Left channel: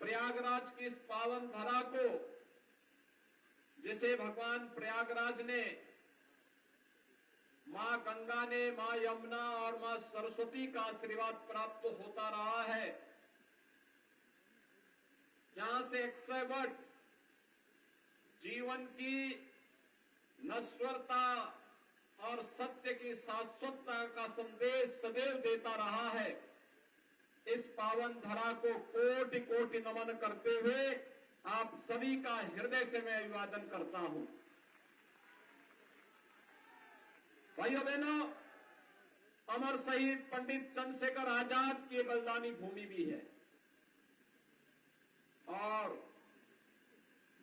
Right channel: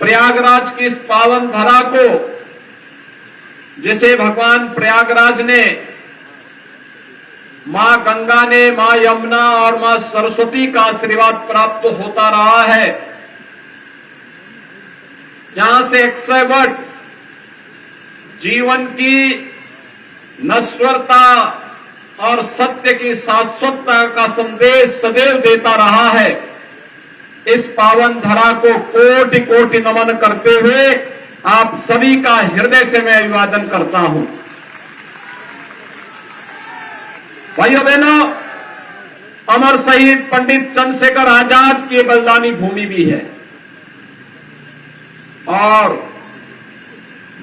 प्रयागराज की इस पावन धरा को, जिसे भगवान प्रयागराज ने, मां गंगा ने, मां यमुना और मां सरस्वती का आशीर्वाद प्राप्त होता रहा है, जहां से 100 जीवन की नश्वरता और सत्य की शाश्वतता का संदेश सदैव देता रहा है। इस पावन धरा को कोटि कोटि नमन करते हुए आप सभी का हृदय से मैं अभिवादन करता हूं। भाइयों बहनों, अमर शहीद पंडित चंद्रशेखर आजाद की बलिदानी भूमि भी है और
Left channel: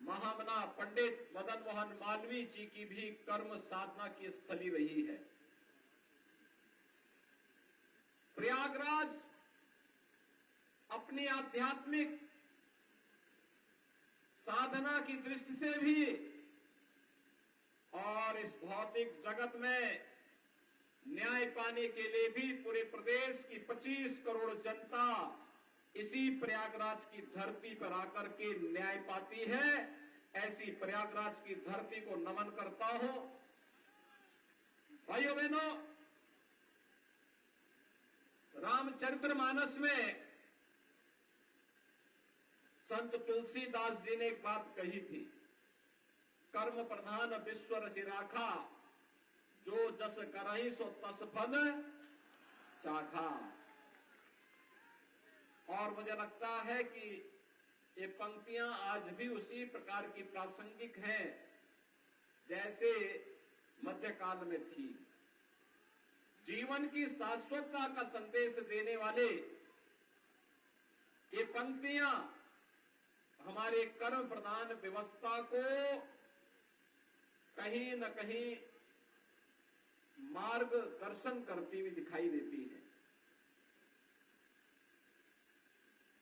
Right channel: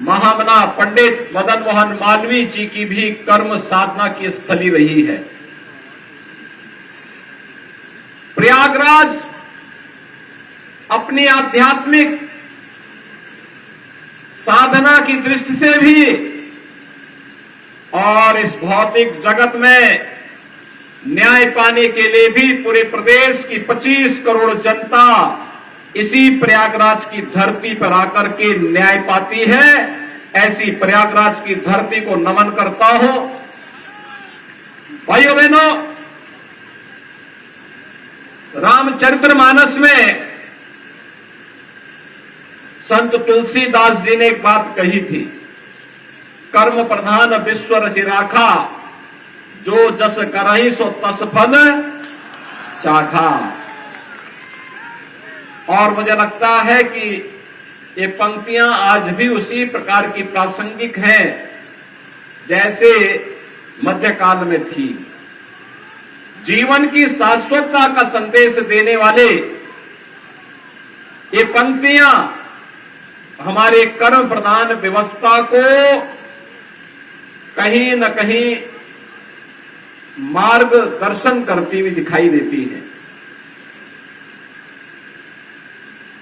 महामना पंडित मदन मोहन मालवीय जी की भी कर्म साधना की स्थली रही है। प्रयागराज अपनी आध्यात्मिक साधना की दृष्टि से भी और इस भौतिक जगत में न्याय पाने के लिए भी पूरे प्रदेश की 25 करोड़ जनता इसी प्रयागराज की धरती पर आकर के न्याय पाती है। ऐसी प्रयागराज की धरती को नमन करता हूं। भाइयों बहनों, रामचरितमानस में संत तुलसीदास जी ने एक बात कही थी, कर्म प्रधान विश्व रसि राखा, जो जस करहि सो तस फल चाखा। और मुझे लगता है कि ये पंक्तियां आज भी उसी प्रकार की प्रासंगिक हैं जैसे मध्यकाल में थी। जीवन की शाश्वतता का संदेश देने वाले ये पंक्तियां हमारे कर्म प्रधान व्यवस्था को कहीं न कहीं मार्गदर्शन करती हुई दिखाई देती है।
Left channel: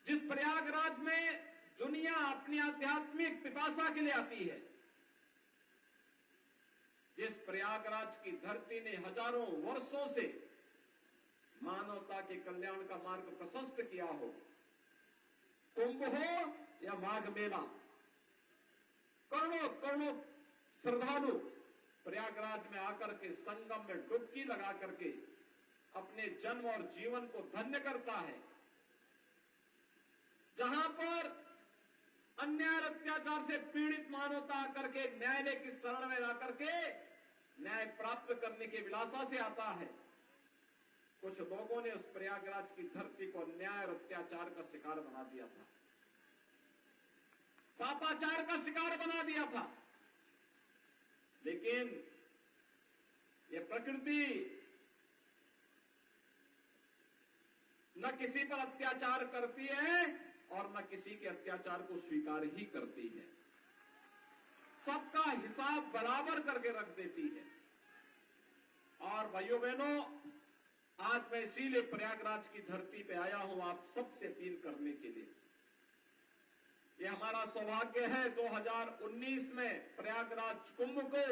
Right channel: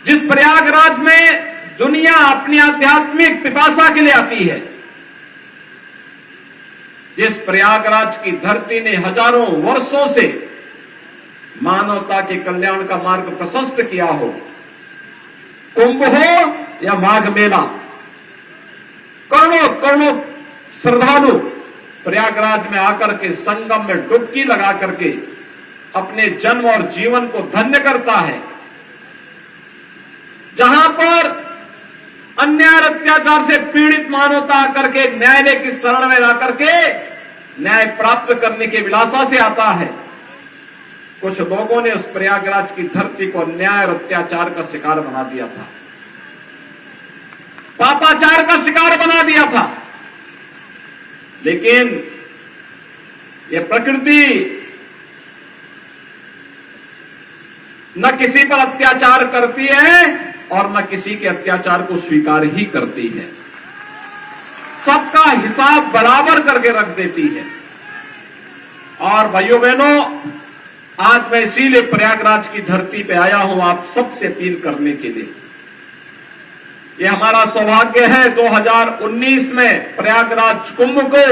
जिस प्रयागराज में दुनिया अपनी आध्यात्मिक पिपासा के लिए आती है, जिस प्रयागराज की धरती ने हजारों वर्षों से मानवता के कल्याण का मार्ग प्रशस्त किया हो, कुंभ हो या माघ मेला, करोड़ों करोड़ों श्रद्धालु प्रयागराज में आकर के संगम में डुबकी लगा करके अपने जन्म और जीवन को धन्य करता है। जहां पर अन्याय अत्याचार से पीड़ित मानवता आकर के न्यायालय की शरण में आकर के न्याय प्राप्त करने के विलासा से आता है, कुछ लोगों ने उस प्रयागराज की धरती को अन्याय और अत्याचार का शिकार बना दिया था, पापाचार का शिकार बना दिया था। लेकिन ये प्रकृति न किसी पर अत्याचार करती है और न किसी के अत्याचार को स्वीकार ही करती है, सबका हिसाब बराबर करके रख देती है। और भाइयों बहनों, आज मैं इसीलिए प्रयागराज की धरती पे आया हूं आप सबसे अपील करने के लिए। ये हमारा सौभाग्य है 2019 में प्रयागराज कुंभ को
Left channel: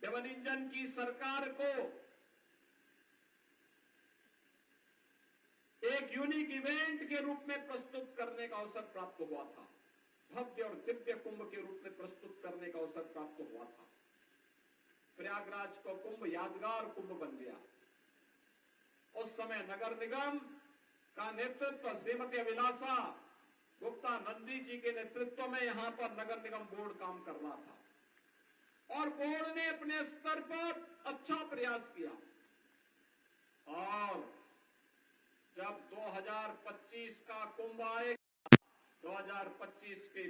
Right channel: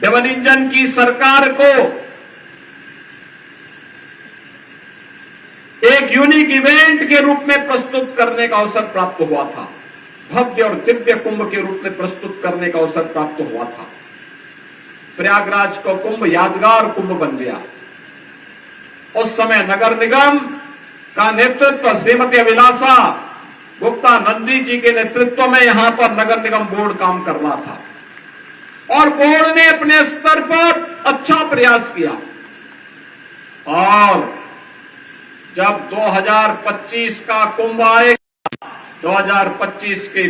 डबल इंजन की सरकार को एक यूनिक इवेंट के रूप में प्रस्तुत करने का अवसर प्राप्त हुआ था, भव्य और दिव्य कुंभ के रूप में प्रस्तुत करने का अवसर प्राप्त हुआ था। प्रयागराज का कुंभ यादगार कुंभ बन गया। उस समय नगर निगम का नेतृत्व श्रीमती अभिलाषा गुप्ता नंदी जी के नेतृत्व में यहां पर नगर निगम बोर्ड काम कर रहा था और बोर्ड ने अपने स्तर पर अच्छा प्रयास किया। और जब 2025 का कुंभ आएगा, 2025 के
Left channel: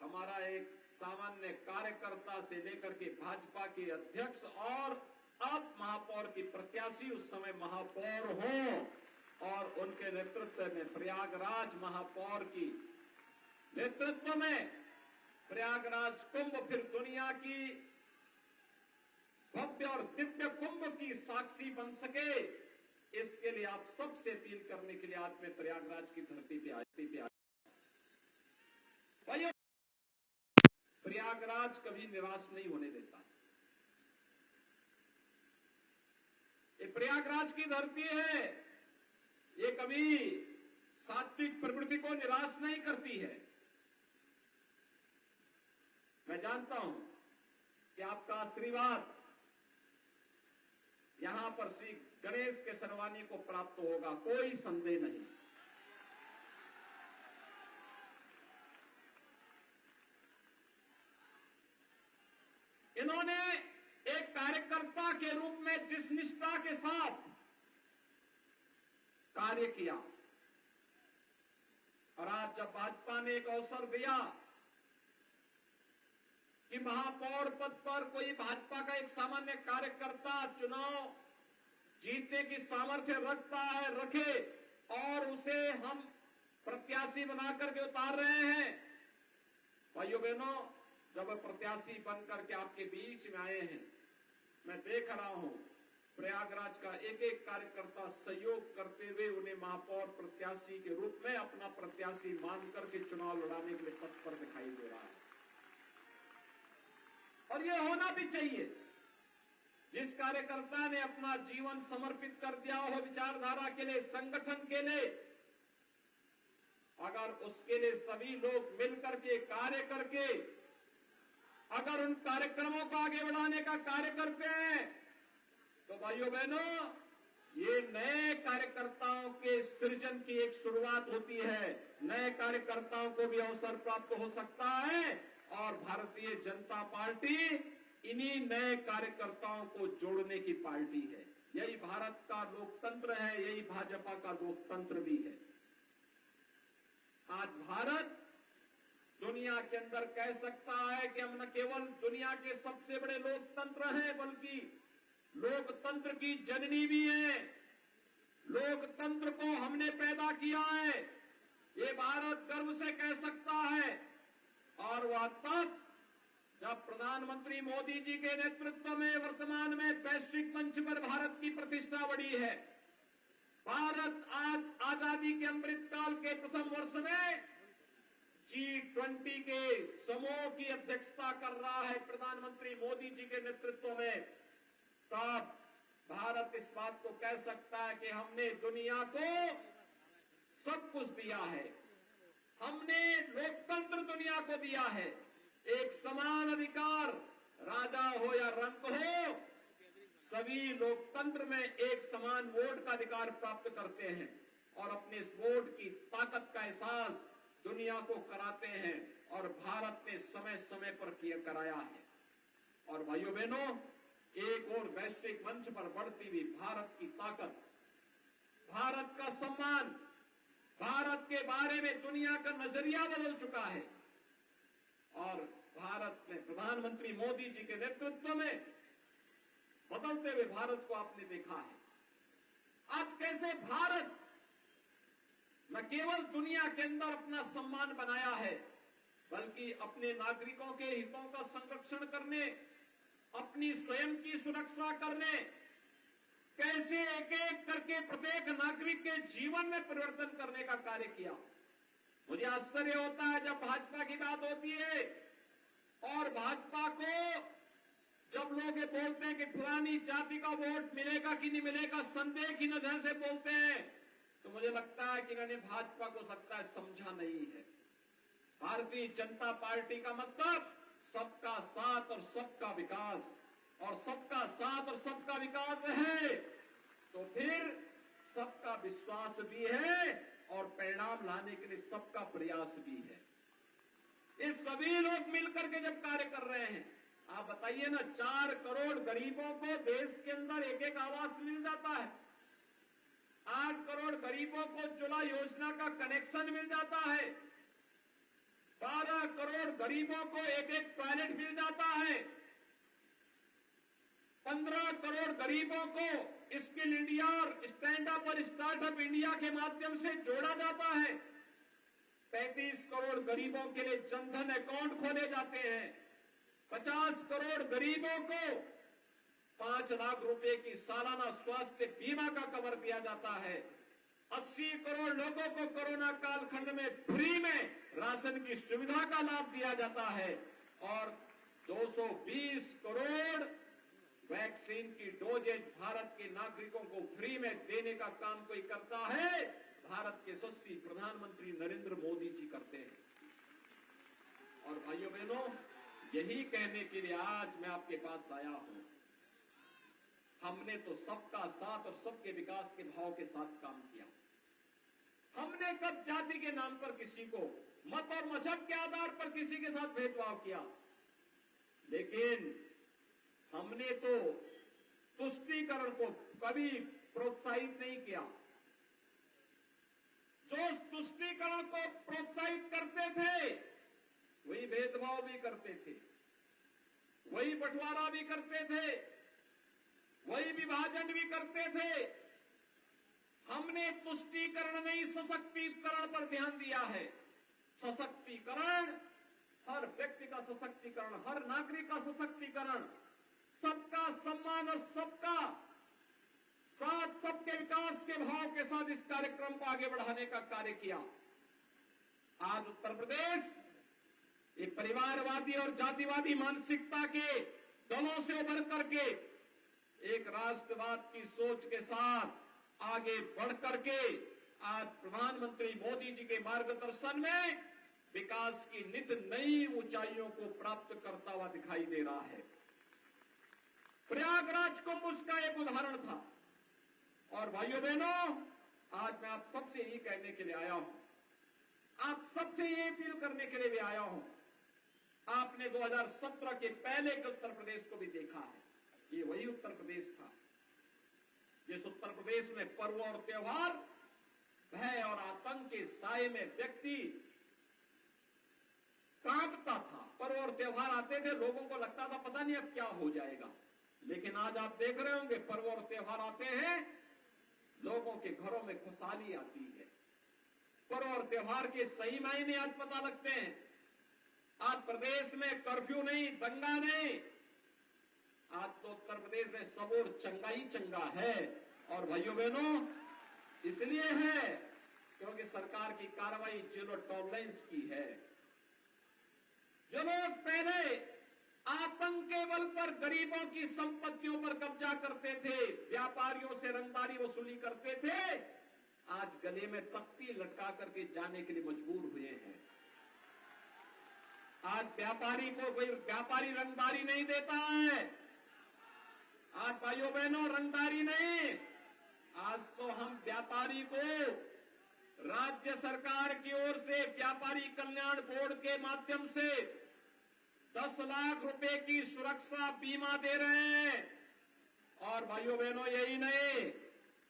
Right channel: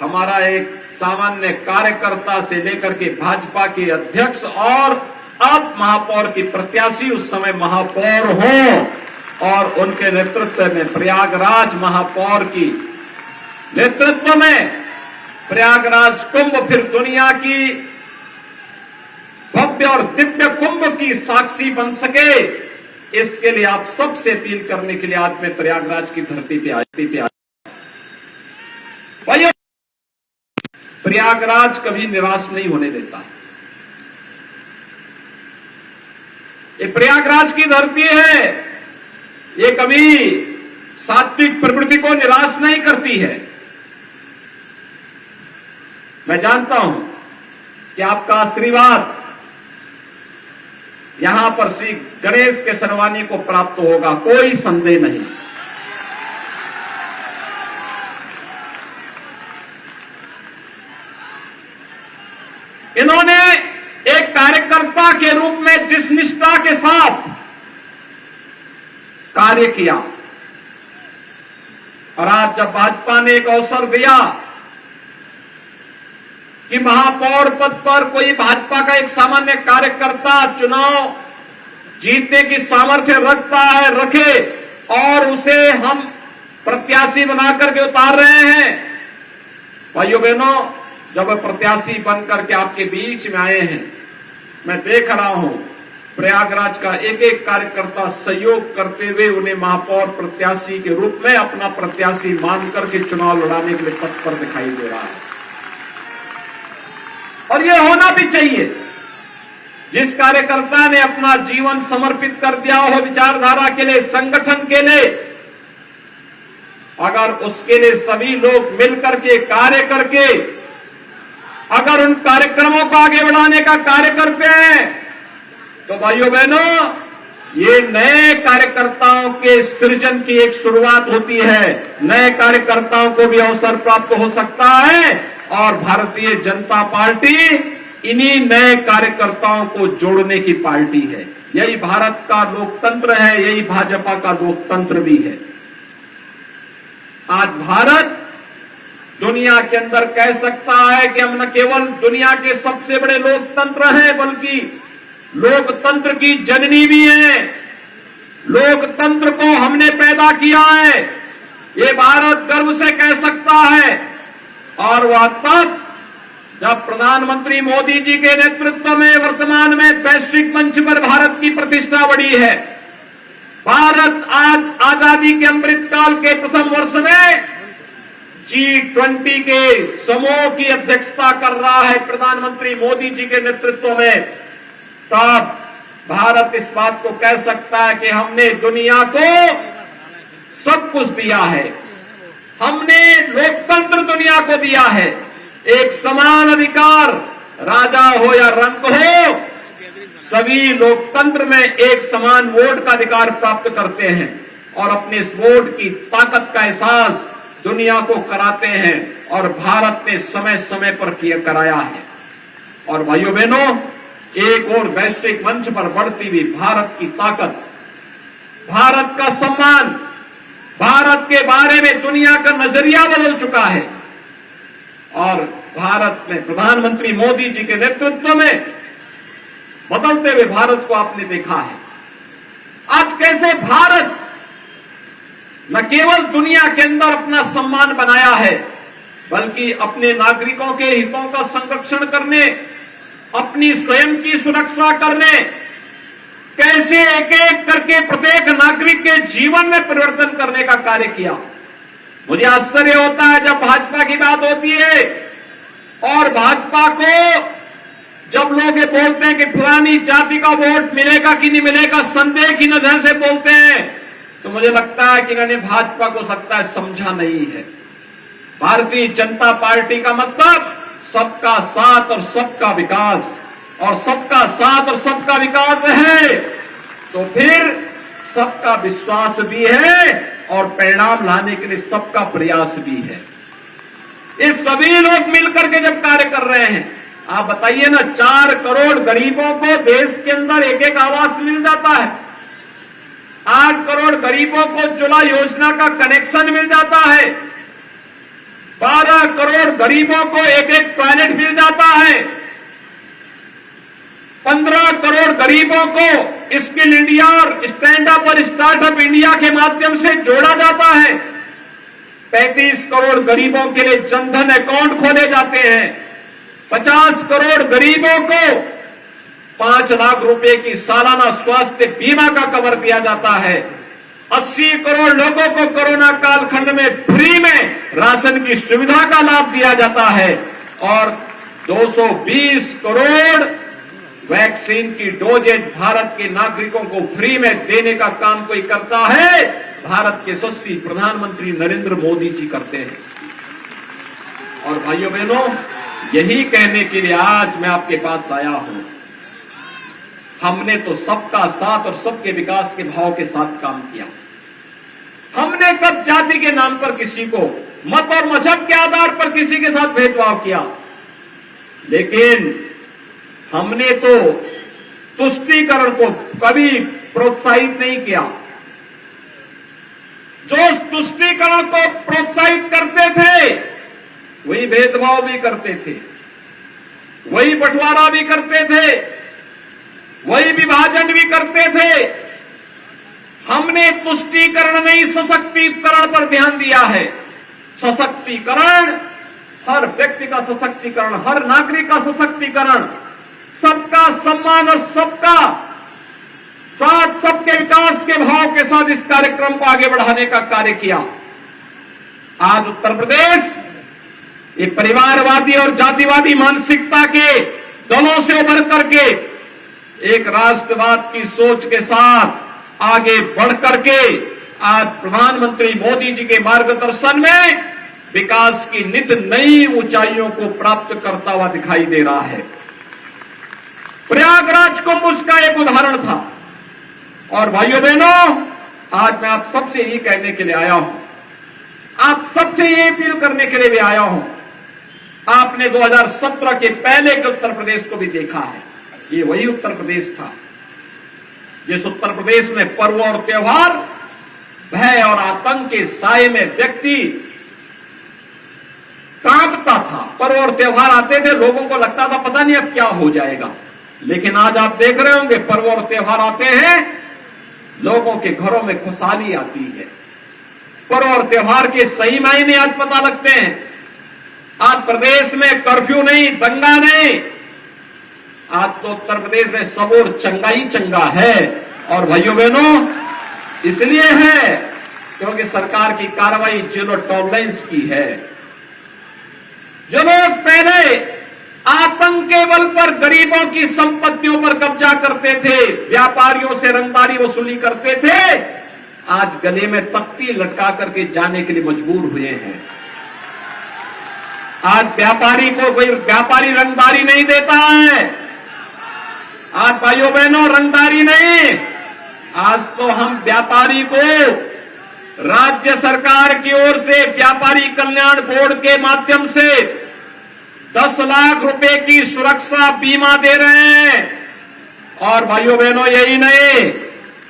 हमारा एक सामान्य कार्यकर्ता से लेकर के भाजपा के अध्यक्ष और अब महापौर की प्रत्याशी उस समय महापौर हो और उनके नेतृत्व में प्रयागराज महापौर की नेतृत्व में प्रयागराज कुंभ फिर दुनिया की भव्य और दिव्य कुंभ की साक्षी बन सके, इसके लिए आप सबसे अपील करने के लिए आज मैं प्रयागराज की धरती पे आया। भाइयों, प्रयागराज कभी निराश नहीं होने देता। ये प्रयागराज की धरती है, ये कभी सात्विक प्रवृत्ति को निराश नहीं करती है। मैं जानता हूं कि आपका आशीर्वाद यहां पर श्री गणेश केसरवानी को प्राप्त होगा, कोई संदेह नहीं। इन्होंने एक कार्यकर्ता के रूप में जिस निष्ठा के साथ कार्य किया, और आज जब भाजपा ने एक अवसर दिया कि महापौर पद पर कोई भाजपा का एक सामान्य कार्यकर्ता चुनाव जीतने की सामर्थ्य रखता है, रखे, और उसे हम प्रत्याशी बनाकर के उतार रहे हैं। भाइयों बहनों, जब वे प्रत्याशी बनकर के आपके बीच में आए हैं, मैं देख रहा हूं प्रयागराज का एक एक कार्यकर्ता सहयोग करते हुए उन्हें महापौर प्रत्याशी के रूप में अपना प्रत्याशी मान करके चुनाव लड़ाने के लिए तत्पर दिखाई दे रहा है। और ये होना भी चाहिए। जिस कार्यकर्ता ने अपना जीवन समर्पित कर दिया हो विचारधारा के लिए, संगठन के लिए, अगर उसके लिए सभी लोग मिलकर के कार्य करके अगर उन कार्यक्रमों को आगे बढ़ाने का कार्य करते हैं, तो भाइयों बहनों, ये नए कार्यकर्ताओं के सृजन की एक शुरुआत होती है। नए कार्यकर्ताओं को भी अवसर प्राप्त हो सकता है, और भारतीय जनता पार्टी इन्हीं नए कार्यकर्ताओं को जोड़ने की पार्टी है। यही भारत का लोकतंत्र है, यही भाजपा का लोकतंत्र भी है। आज भारत दुनिया के अंदर कह सकता है कि हम न केवल दुनिया के सबसे बड़े लोकतंत्र हैं, बल्कि लोकतंत्र की जननी भी है। लोकतंत्र को हमने पैदा किया है, ये भारत गर्व से कह सकता है। और वह तब जब प्रधानमंत्री मोदी जी के नेतृत्व में वर्तमान में वैश्विक मंच पर भारत की प्रतिष्ठा बढ़ी है। भारत आज आजादी के अमृतकाल के प्रथम वर्ष में G20 के समूह की अध्यक्षता कर रहा है प्रधानमंत्री मोदी जी के नेतृत्व में। तब भारत इस बात को कह सकता है कि हमने दुनिया को सब कुछ दिया है, हमने लोकतंत्र दुनिया को दिया है। एक समान अधिकार, राजा हो या रंक हो, सभी लोकतंत्र में एक समान वोट का अधिकार प्राप्त करते हैं, और अपने इस वोट की ताकत का एहसास दुनिया को कराते हैं, और भारत ने समय समय पर कराया है। और भाइयों बहनों, एक और वैश्विक मंच पर बढ़ती हुई भारत की ताकत, भारत का सम्मान, भारत के बारे में दुनिया का नजरिया बदल चुका है। और भारत में प्रधानमंत्री मोदी जी के नेतृत्व में बदलते हुए भारत को आपने देखा है। आज कैसे भारत न केवल दुनिया के अंदर अपना सम्मान बनाया है, बल्कि अपने नागरिकों के हितों का संरक्षण करने, अपनी स्वयं की सुरक्षा करने, कैसे एक एक करके प्रत्येक नागरिक के जीवन में परिवर्तन करने का कार्य किया। मुझे आश्चर्य होता है जब भाजपा की बात होती है, और भाजपा को जब लोग ये बोलते हैं कि फलानी जाति का वोट मिलेगा कि नहीं मिलेगा, संदेह की नजर से बोलते हैं, तो मुझे लगता है कि इन्होंने भाजपा को सकता है समझा नहीं है। भारतीय जनता पार्टी का मतलब सबका साथ और सबका विकास, और सबका साथ और सबका विकास है तो फिर सबका विश्वास भी है, और परिणाम लाने के लिए सबका प्रयास भी है। ये सभी लोग मिलकर के जब कार्य कर रहे हैं, आप बताइए ना, 4 करोड़ गरीबों को देश के अंदर एक एक आवास मिल जाता है, 8 करोड़ गरीबों को उज्ज्वला योजना का कनेक्शन मिल जाता है, 12 करोड़ गरीबों को एक एक टॉयलेट मिल जाता है, 15 करोड़ गरीबों को स्किल इंडिया और स्टैंड अप और स्टार्टअप इंडिया के माध्यम से जोड़ा जाता है, 35 करोड़ गरीबों के लिए जनधन अकाउंट खोले जाते हैं, 50 करोड़ गरीबों को 5 लाख रुपए की सालाना स्वास्थ्य बीमा का कवर दिया जाता है, 80 करोड़ लोगों को कोरोना कालखंड में फ्री में राशन की सुविधा का लाभ दिया जाता है, और 220 करोड़ वैक्सीन की डोजेज भारत के नागरिकों को फ्री में देने का काम कोई करता है, भारत के यशस्वी प्रधानमंत्री नरेंद्र मोदी जी करते हैं। और भाइयों बहनों, यही कहने के लिए आज मैं आपके पास आया हूं। हमने तो सबका साथ और सबके विकास के भाव के साथ काम किया। हमने कब जाति के नाम पर किसी को, मत और मजहब के आधार पर किसी के साथ भेदभाव किया? लेकिन हमने तो तुष्टीकरण को कभी प्रोत्साहित नहीं किया। जो तुष्टीकरण को प्रोत्साहित करते थे वही भेदभाव भी करते थे, वही बंटवारा भी करते थे, वही विभाजन भी करते थे। हमने तुष्टीकरण नहीं, सशक्तिकरण पर ध्यान दिया है। सशक्तिकरण, हर व्यक्ति का सशक्तिकरण, हर नागरिक का सशक्तिकरण, सबका सम्मान और सबका साथ, सबके विकास के भाव के साथ इस कार्यक्रम को आगे बढ़ाने का कार्य किया। आज उत्तर प्रदेश ये परिवारवादी और जातिवादी मानसिकता के दलों से उभर करके एक राष्ट्रवाद की सोच के साथ आगे बढ़ करके आज प्रधानमंत्री मोदी जी के मार्गदर्शन में विकास की नित नई ऊंचाइयों को प्राप्त करता हुआ दिखाई दे रहा है। प्रयागराज कुंभ उसका एक उदाहरण था। और भाइयों बहनों, आज मैं आप सबसे यही कहने के लिए आया हूं, आप सबसे ये अपील करने के लिए भी आया हूं। आपने 2017 के पहले के उत्तर प्रदेश को भी देखा है। ये वही उत्तर प्रदेश था जिस उत्तर प्रदेश में पर्व और त्योहार, भय और आतंक के साए में व्यक्ति कांपता था। पर्व और त्योहार आते थे, लोगों को लगता था पता नहीं अब क्या हो जाएगा। लेकिन आज आप देख रहे होंगे, पर्व और त्योहार आते हैं, लोगों के घरों में खुशहाली आती है। पर्व और त्योहार के सही मायने आज पता लगते हैं। आज प्रदेश में कर्फ्यू नहीं, दंगा नहीं, आज तो उत्तर प्रदेश में सब और चंगा ही चंगा है। और भाइयों बहनों, इसलिए है क्योंकि सरकार की कार्रवाई जीरो टॉलरेंस की है। जो लोग पहले आतंक के बल पर गरीबों की संपत्तियों पर कब्जा करते थे, व्यापारियों से रंगदारी वसूली करते थे, आज गले में तख्ती लटका करके जाने के लिए मजबूर हुए हैं। आज व्यापारी को कोई व्यापारी रंगदारी नहीं देता है। आज भाइयों बहनों, रंगदारी नहीं, आज तो हम व्यापारी को राज्य सरकार की ओर से व्यापारी कल्याण बोर्ड के माध्यम से 10 लाख रुपए की सुरक्षा बीमा दे रहे हैं। और भाइयों बहनों, यही नहीं,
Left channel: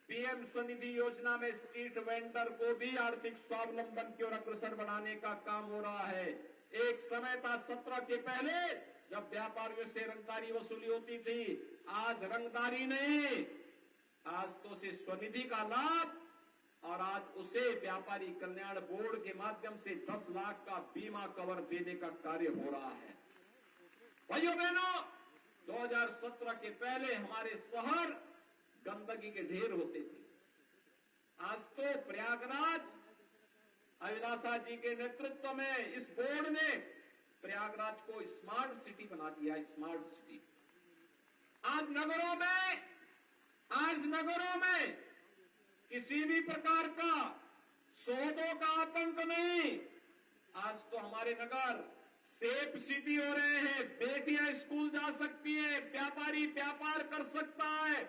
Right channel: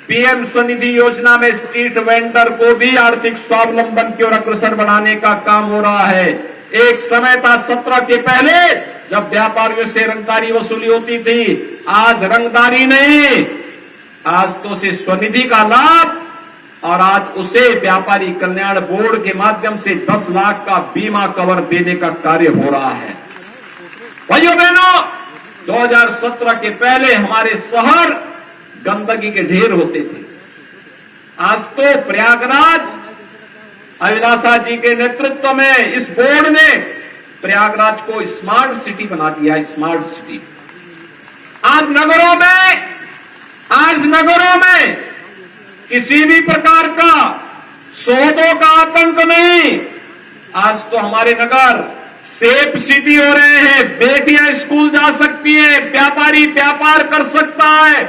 पीएम स्वनिधि योजना में स्ट्रीट वेंडर को भी आर्थिक स्वावलंबन की ओर अग्रसर बढ़ाने का काम हो रहा है। एक समय था 17 के पहले जब व्यापारियों से रंगदारी वसूली होती थी, आज रंगदारी नहीं, आज तो उसे स्वनिधि का लाभ और आज उसे व्यापारी कल्याण बोर्ड के माध्यम से 10 लाख का बीमा कवर देने का कार्य हो रहा है। भाइयों बहनों, 2017 के पहले हमारे शहर गंदगी के ढेर होते थे। आज तो प्रयागराज, अभिलाषा जी के नेतृत्व में इस बोर्ड ने प्रयागराज को स्मार्ट सिटी बना दिया। स्मार्ट सिटी आज नगरों में किसी भी प्रकार का सौदों का आतंक नहीं। आज तो हमारे नगर सेफ सिटी हो रहे हैं। बेटियां स्कूल जा सकती हैं, व्यापारी व्यापार कर सकता है।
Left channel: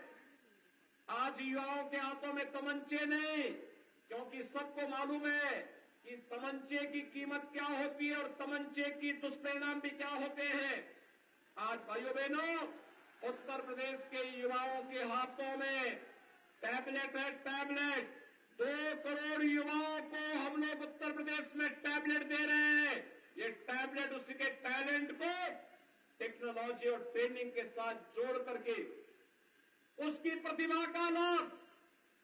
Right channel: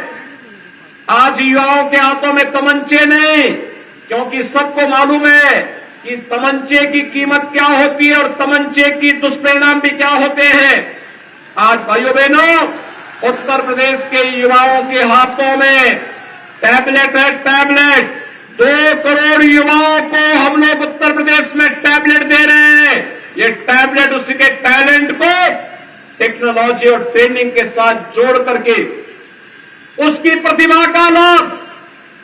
आज युवाओं के हाथों में तमंचे नहीं, क्योंकि सबको मालूम है कि तमंचे की कीमत क्या होती है और तमंचे की दुष्परिणाम भी क्या होते हैं। आज भाइयों बहनों, उत्तर प्रदेश के युवाओं के हाथों में टैबलेट है। टैबलेट 2 करोड़ युवाओं को हम लोग उत्तर प्रदेश में टैबलेट दे रहे हैं। ये टैबलेट उसके टैलेंट को टेक्नोलॉजी और ट्रेनिंग के साथ जोड़ करके उसकी प्रतिभा का लाभ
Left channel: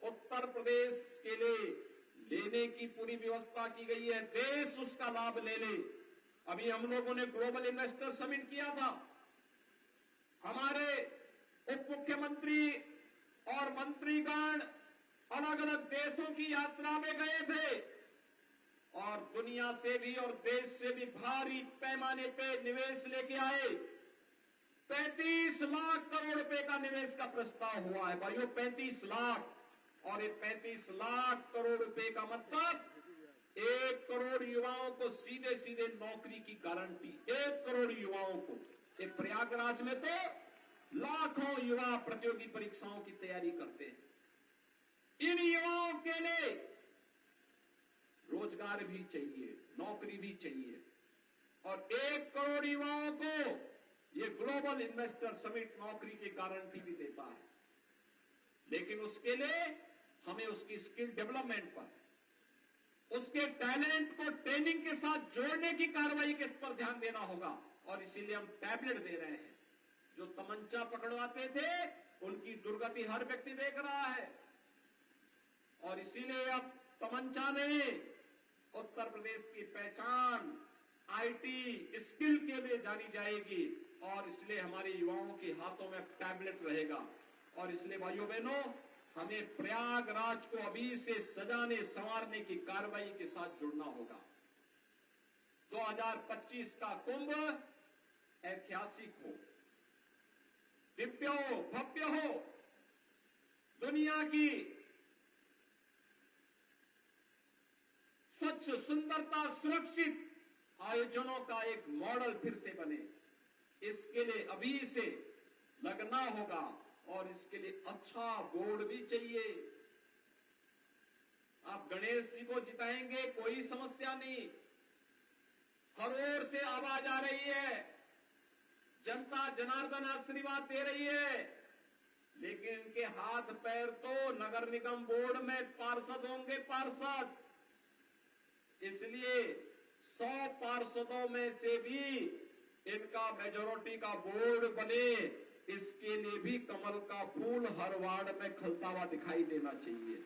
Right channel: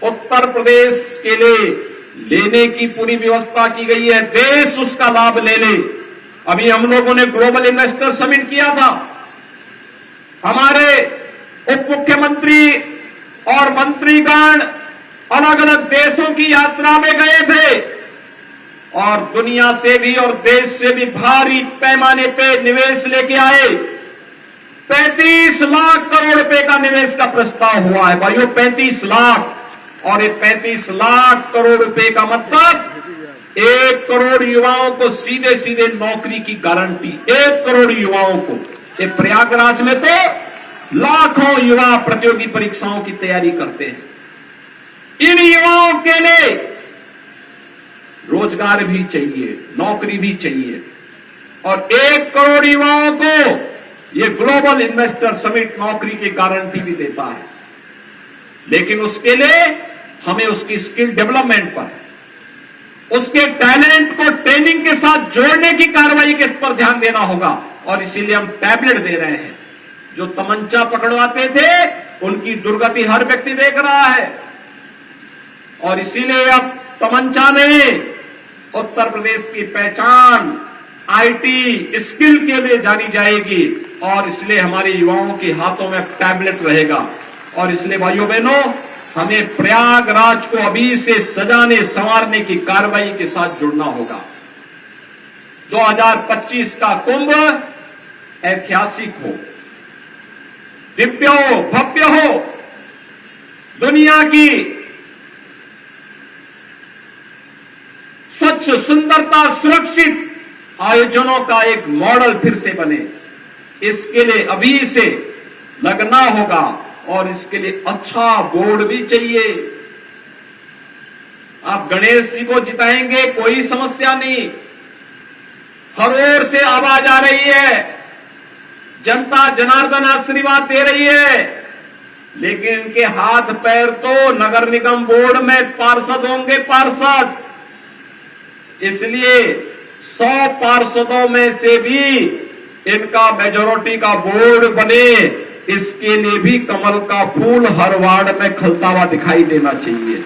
उत्तर प्रदेश के लिए लेने की पूरी व्यवस्था की गई है। देश उसका लाभ ले ले। अभी हम लोगों ने ग्लोबल इन्वेस्टर समिट किया था। हमारे उप मुख्यमंत्री और मंत्रीगण अलग अलग देशों की यात्रा में गए थे और दुनिया से भी और देश से भी भारी पैमाने पे निवेश लेके आए। 35 लाख करोड़ रुपए का निवेश का प्रस्ताव हुआ है। भाइयों, 35 लाख। और ये 35 लाख करोड़ रुपए का मतलब 1 करोड़ युवाओं को सीधे सीधे नौकरी की गारंटी। 1 करोड़ युवाओं को। ये प्रयागराज में तो लाखों युवा प्रतियोगी परीक्षाओं की तैयारी करते हैं। इन युवाओं के लिए रोजगार भी चाहिए, नौकरी भी चाहिए, और 1 करोड़ युवाओं को ये ग्लोबल इन्वेस्टर समिट नौकरी की गारंटी भी देता है। लेकिन उसके लिए हमें उसकी स्किल डेवलपमेंट पर, उसके टैलेंट को ट्रेनिंग के साथ जोड़ने की कार्रवाई के पर ध्यान देना होगा। और इसीलिए हम टैबलेट दे रहे हैं। जो तमंचा पकड़वाते थे उनकी दुर्गति हर व्यक्ति देख रहा है, और इसीलिए अब तमंचा में उत्तर प्रदेश की पहचान आईटी स्किल के लिए जानी जाएगी, और इसलिए हमारे युवाओं के हाथों में टैबलेट रहेगा। और इसलिए भाइयों बहनों, हमें प्रयागराज को अभी से सजाने संवारने की कार्रवाई के साथ जुड़ना होगा। 2025 का कुंभ ऐतिहासिक हो, दिव्य हो, भव्य हो, दुनिया की स्वच्छ, सुंदरता, सुरक्षित आयोजनों का एक मॉडल फिर से बने। इसके लिए अभी से लगना होगा, और इसके लिए अच्छा बोर्ड भी चाहिए। आप गणेश जी को जिताएंगे, कोई समस्या नहीं, हर ओर से आवाज आ रही है, जनता जनार्दन आशीर्वाद दे रही है, लेकिन इनके हाथ पैर तो नगर निगम बोर्ड में पार्षद होंगे, पार्षद। इसलिए 100 पार्षदों में से भी इनका मेजॉरिटी का बोर्ड बने, इसके लिए भी कमल का फूल हर वार्ड में खिलता हुआ दिखाई देना चाहिए।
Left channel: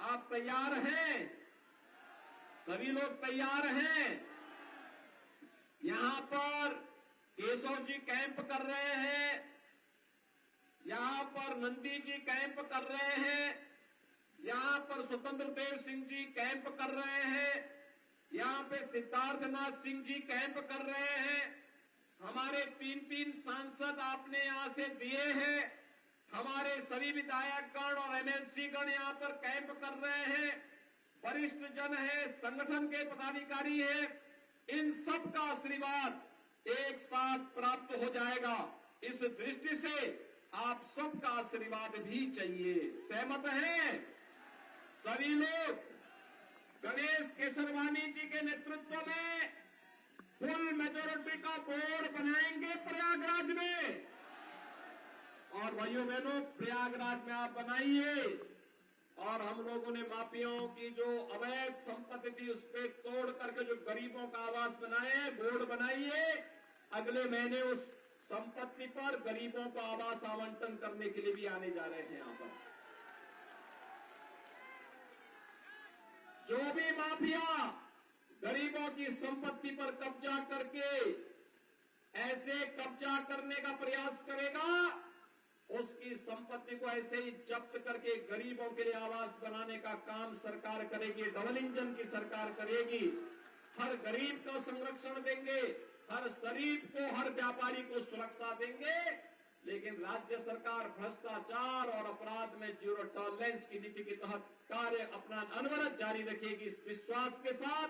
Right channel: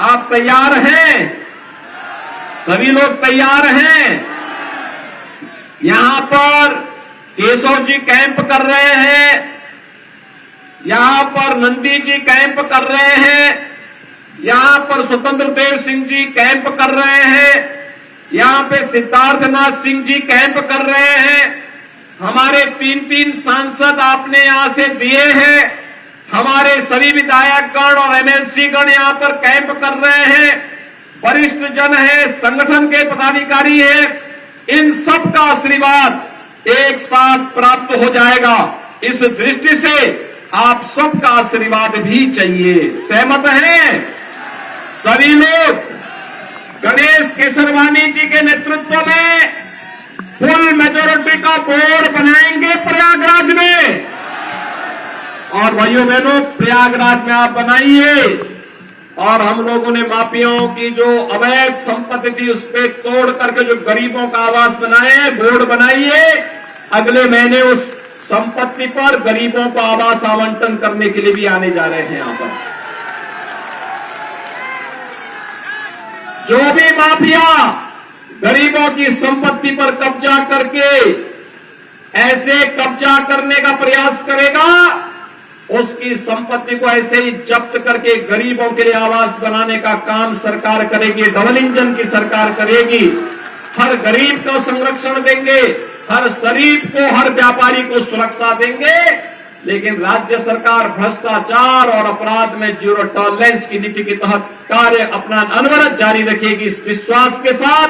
आप तैयार हैं? सभी लोग तैयार हैं? यहां पर केशव जी कैंप कर रहे हैं, यहां पर नंदी जी कैंप कर रहे हैं, यहां पर स्वतंत्र देव सिंह जी कैंप कर रहे हैं, यहां पे सिद्धार्थनाथ सिंह जी कैंप कर रहे हैं, हमारे 3 सांसद आपने यहां से दिए हैं, हमारे सभी विधायकगण और एमएलसी गण यहां पर कैंप कर रहे हैं, वरिष्ठ जन है, संगठन के पदाधिकारी हैं, इन सब का आशीर्वाद एक साथ प्राप्त हो जाएगा। इस दृष्टि से आप सबका आशीर्वाद भी चाहिए। सहमत हैं सभी लोग? गणेश केसरवानी जी के नेतृत्व में फुल मेजॉरिटी का बोर्ड बनाएंगे प्रयागराज में। और भाइयों बहनों, प्रयागराज में आप बनाइए, और हम लोगों ने माफियाओं की जो अवैध संपत्ति थी उस पर तोड़ करके जो गरीबों का आवास बनाए हैं, बोर्ड बनाइए। अगले महीने उस संपत्ति पर गरीबों को आवास आवंटन करने के लिए भी आने जा रहे हैं। यहां पर जो भी माफिया गरीबों की संपत्ति पर कब्जा करके ऐसे कब्जा करने का प्रयास करेगा, उसकी संपत्ति को ऐसे ही जब्त करके गरीबों के लिए आवास बनाने का काम सरकार करेगी। डबल इंजन की सरकार करेगी। हर गरीब को संरक्षण देंगे, हर शरीफ को, हर व्यापारी को सुरक्षा देंगे। लेकिन राज्य सरकार भ्रष्टाचार और अपराध में जीरो टॉलरेंस की नीति के तहत कार्य अपना अनवरत जारी रखेगी। इस विश्वास के साथ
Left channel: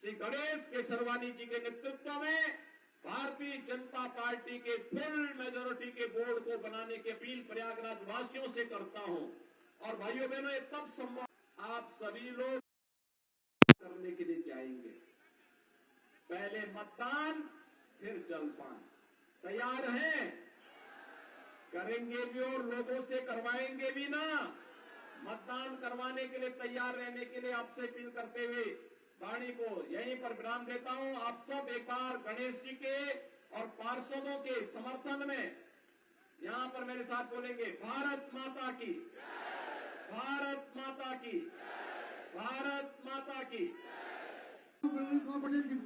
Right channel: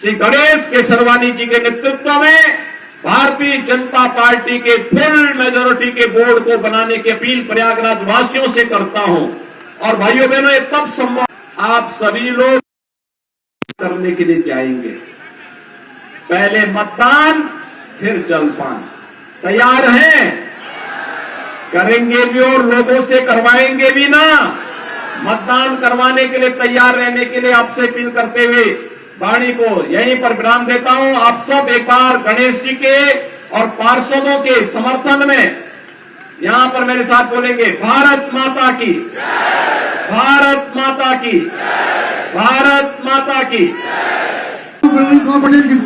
श्री गणेश केसरवानी जी के नेतृत्व में भारतीय जनता पार्टी के फुल मेजॉरिटी के बोर्ड को बनाने की अपील प्रयागराज वासियों से करता हूं। और भाइयों बहनों, ये तब संभव, आप सभी लोग करने के लिए जाएंगे। पहले मतदान, फिर जलपान। तैयार हैं? करेंगे भी और लोगों से करवाएंगे भी ना। मतदान करवाने के लिए तैयार रहने के लिए आपसे अपील करते हुए वाणी को यहीं पर विराम देता हूं। आप सब एक बार गणेश जी के और पार्षदों के समर्थन में यहां पर मेरे साथ बोलेंगे, भारत माता की, भारत माता की, भारत माता की। पटेल जी